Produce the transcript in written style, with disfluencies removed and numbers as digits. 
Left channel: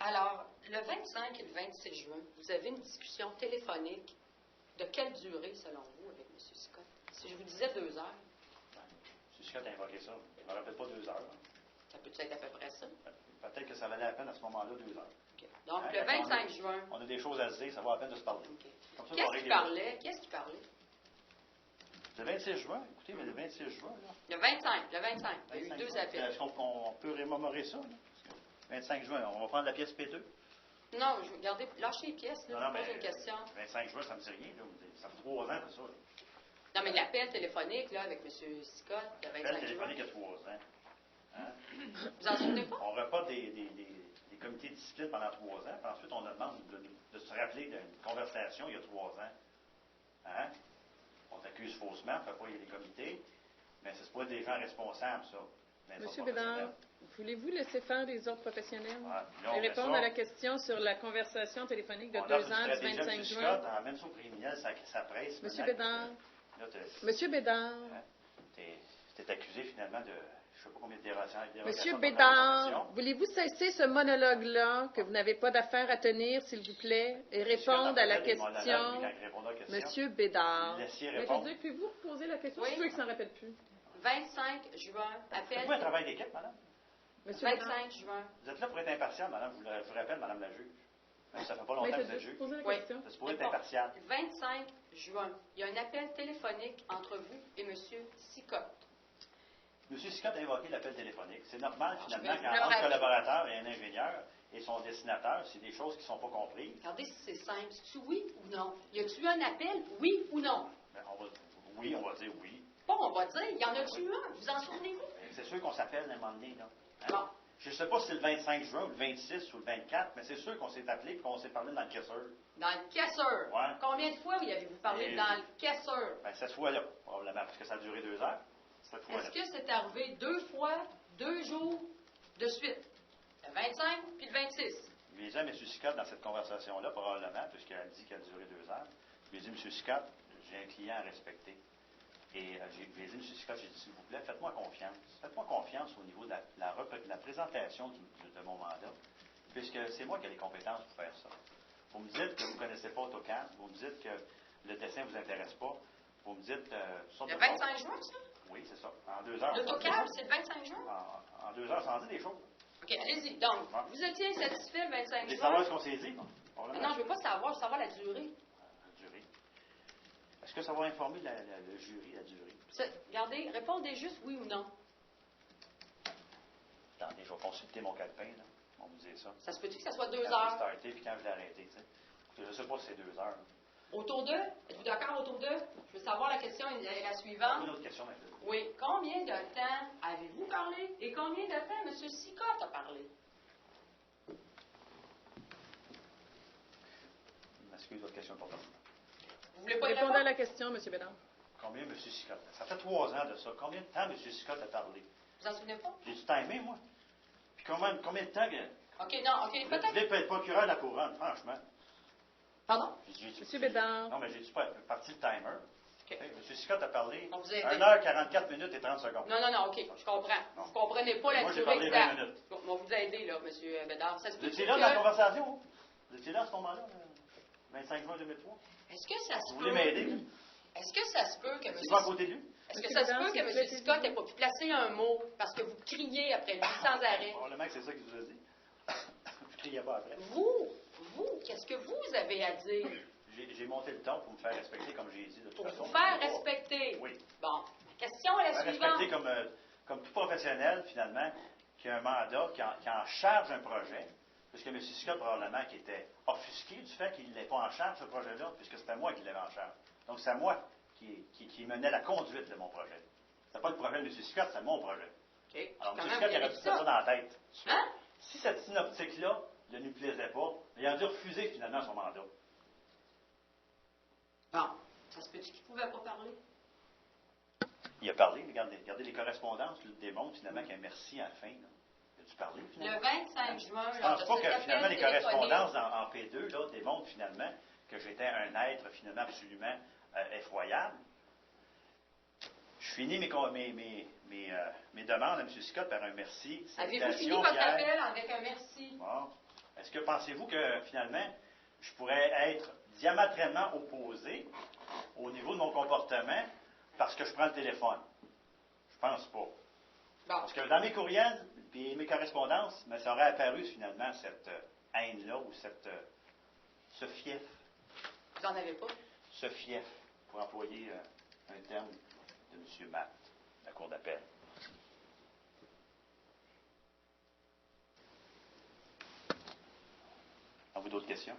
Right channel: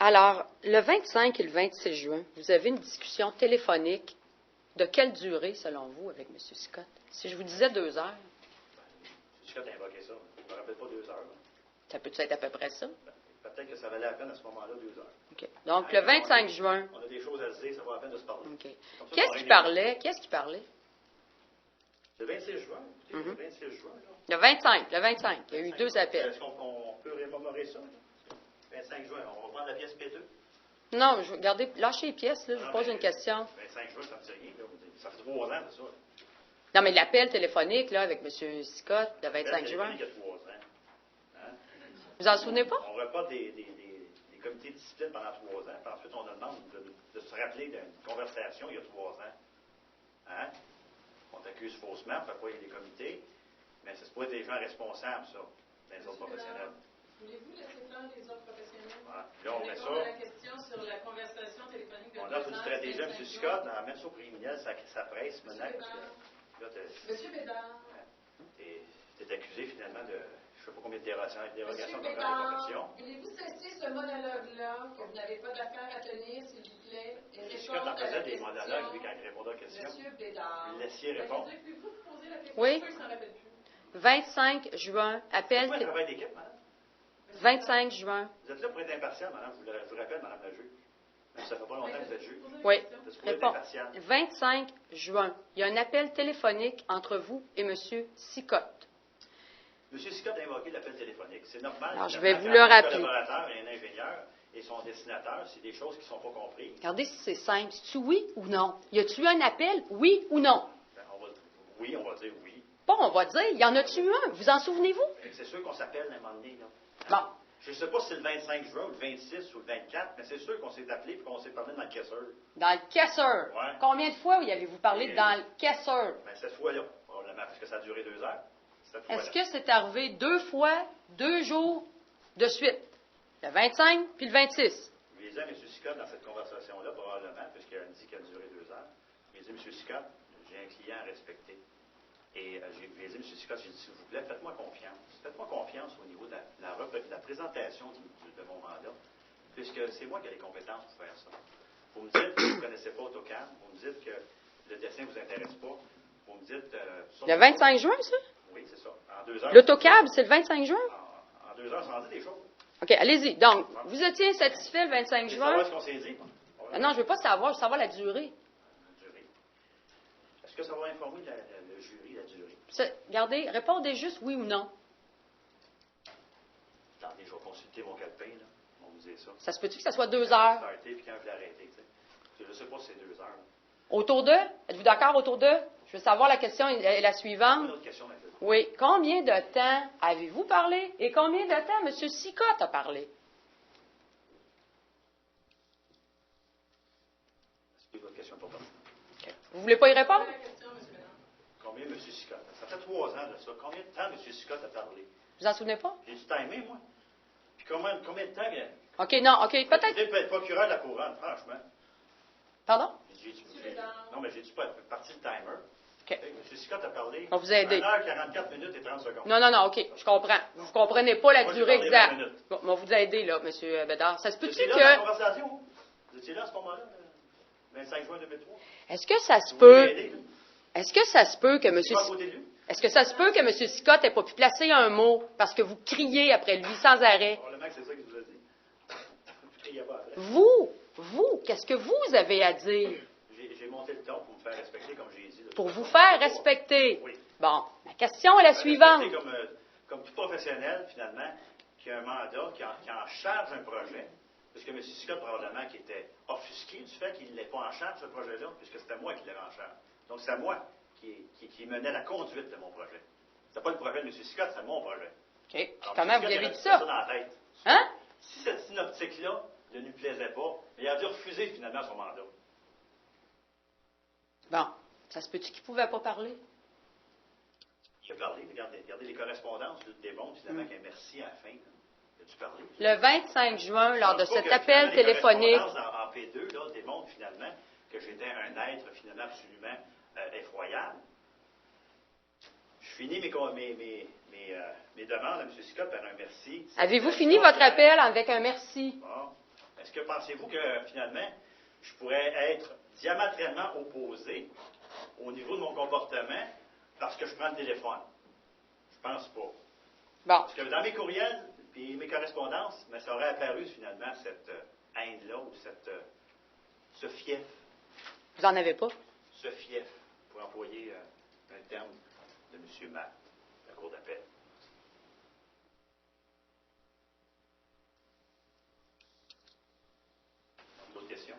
Alors, le 25 et le 26 juin, vous avez une discussion téléphonique de quelle durée, selon vous, avec M. Scott? Si je vous disais 2 heures. M. Scott a invoqué ça. Je ne me rappelle pas 2 heures. Ça peut-être être à peu près ça? Peut-être que ça valait la peine à ce moment-là, 2 heures. OK. Donc, le 25 juin. On a des choses à se dire, ça vaut la peine de se parler. OK. Qu'est-ce qui parlait? Qu'est-ce qui parlait? Le 26 juin, écoutez, le 26 juin. Là. Le 25. Il y a eu 2 appels. Est-ce qu'on peut rémémorer ça? Là? 25 juin, on va prendre la pièce P2? Non, regardez, lâchez les pièces, là, je vous pose une question. 25 juin, ça me dit rien. Là. Ça fait 3 ans de ça. Là. Non, mais l'appel téléphonique, là, avec M. Scott, le 25 juin. Il y a 3 ans. Hein? Vous en souvenez pas? On reporte des comités de discipline pendant 3 ans, puis ensuite on demande de se rappeler d'une conversation il y a 3 ans. Hein? On t'accuse faussement, on ne fait pas des comités, mais c'est pas des gens responsables, ça. Monsieur Bédard, voulez-vous laisser faire les autres professionnels et répondre à la question sur la conversation téléphonique de 2 ans du 25 juin? Scott amène ça au criminel, ça presse. Monsieur Bédard. Monsieur Bédard. Tu es accusé finalement de... Je ne sais pas combien de dérogations. Monsieur Bédard, voulez-vous cesser ce monologue-là que vous n'avez pas d'affaire à tenir, s'il vous plaît, et répondre à la question? Monsieur Bédard. Pouvez-vous poser la question? Oui. Je suis sûr qu'il ne s'en rappelle plus. 25 juin, appel... C'est un travail d'équipe, madame? 25 juin. Vous êtes là pour être impartial, madame. Je vous rappelle, madame la juge. Même si ça ne fait pas longtemps que vous êtes juge. Oui. C'est pour être impartial. 25 juin, il y a un appel téléphonique entre vous et M. Sicotte. M. Scott a invoqué l'appel téléphonique. C'est normal. Alors, je vais vous le rappeler. Un collaborateur et un ingénieur et son dessinateur, c'est des choses qui ne sont pas comprises. Regardez si c'est simple. C'est-tu oui ou non? Y a-tu eu un appel, oui ou non? Ben, oui, on va dire oui. Bon, on va dire, y en a-tu eu un? Vous en souvenez-vous? C'est sûr qu'on s'appelle à un moment donné. Là. Hein? Bon. Je ne sais pas si c'est le 25 juin ou le 26 ou le 24, mais c'est sûr qu'on s'est appelé et qu'on s'est parlé dans le caisseur. Dans le caisseur? Ouais. Combien de fois y avez-vous parlé dans le caisseur? Ben, cette fois-là, probablement, parce que ça a duré 2 heures. Est-ce que c'est arrivé 2 fois, 2 jours de suite? Le 25 puis le 26? Je lui ai dit à M. Scott dans cette conversation-là, probablement, puisqu'elle dit qu'elle a duré 2 heures, je lui ai dit, M. Scott, j'ai un client à respecter. Et je lui ai dit, M. Scott, j'ai dit, s'il vous plaît, faites-moi confiance. Faites-moi confiance au niveau de la présentation de mon mandat, puisque c'est moi qui ai les compétences pour faire ça. Vous me dites que vous ne connaissez pas AutoCAD, vous me dites que le dessin ne vous intéresse pas, vous me dites... le 25 juin, ça? Oui, c'est ça. En 2 heures... L'autocab, c'est le 25 juin? En 2 heures, ça en dit des choses. OK, allez-y. Donc, vous étiez satisfait le 25 juin? Savoir ce qu'on s'est dit. Non, je ne veux pas savoir, je veux savoir la durée. La durée. Est-ce que ça va informer le jury, la durée? Regardez, répondez juste oui ou non. Attendez, je vais consulter mon calepin, là. On vous dit ça. Ça se peut-tu que ça soit 2 heures? Puis quand je l'ai arrêté, tu sais. Je ne sais pas si c'est 2 heures. Autour de? Êtes-vous d'accord autour de? Je veux savoir la question est la suivante. Une autre question, maintenant. Oui. Combien de temps avez-vous parlé et combien de temps M. Sicotte a parlé? Excusez votre question pour toi. Okay. Vous ne voulez pas y répondre? À la question, M. Bédard. Combien M. Sicotte? Ça fait 3 ans de ça. Combien de temps M. Sicotte a parlé? Vous en souvenez pas? J'ai-tu timé, moi? Puis combien de temps... OK, non, OK, peut-être... Vous être procureur de la couronne, franchement. Pardon? M. Bédard. Non, mais j'ai-tu pas parti le timer? OK. M. Scott a parlé. On vous a aidé. 1h44 minutes et 30 secondes. Non, OK, je comprends. Vous ne comprenez pas la Moi, durée j'ai exacte. 20 minutes. Bon, on vous a aidé, là, M. Bédard. Ça se peut-tu Vous étiez là dans la que... conversation? Vous étiez là à ce moment-là, 25 juin 2003? Est-ce que ça se Vous peut... voulez m'aider? Est-ce que ça se peut que M. Je suis pas à côté de lui. Est-ce que ça se peut que M. Scott n'ait pas pu placer un mot parce que vous criez après lui sans arrêt? Probablement que c'est ça qu'il vous a dit. Vous ne criez pas après. Vous, qu'est-ce que vous avez à dire? J'ai monté le ton pour me faire respecter, comme j'ai dit. Pour vous faire respecter. Oui. Bon, la question est la suivante. Comme tout professionnel, finalement, qui a un mandat, qui en charge un projet, puisque M. Scott, probablement, qui était offusqué du fait qu'il n'était pas en charge de ce projet-là, puisque c'était moi qui l'avais en charge. Donc, c'est moi qui menait la conduite de mon projet. C'est pas le projet de M. Scott, c'est mon projet. OK. Alors, Comment vous avez dit ça? Dans la tête. Hein? Si cette synoptique-là ne lui plaisait pas, il a dû refuser finalement son mandat. Bon, ça se peut-tu qu'il ne pouvait pas parler? Il a parlé, regardez les correspondances démontrent finalement qu'un merci à la fin. Là. Il a dû parler. Le 25 juin, lors de cet appel Les téléphonique... correspondances en P2 là, démontrent finalement que j'étais un être finalement absolument effroyable. Je finis mes demandes à M. Scott par un merci. Avez-vous fini votre appel avec un merci? Bon. Est-ce que pensez-vous que, finalement, je pourrais être diamétralement opposé au niveau de mon comportement parce que je prends le téléphone? Je pense pas. Bon. Parce que dans mes courriels et mes correspondances, mais ça aurait apparu, finalement, cette haine-là ou ce fief. Vous n'en avez pas? Ce fief, pour employer un terme de M. Matt, la Cour d'appel. Avez-vous d'autres questions?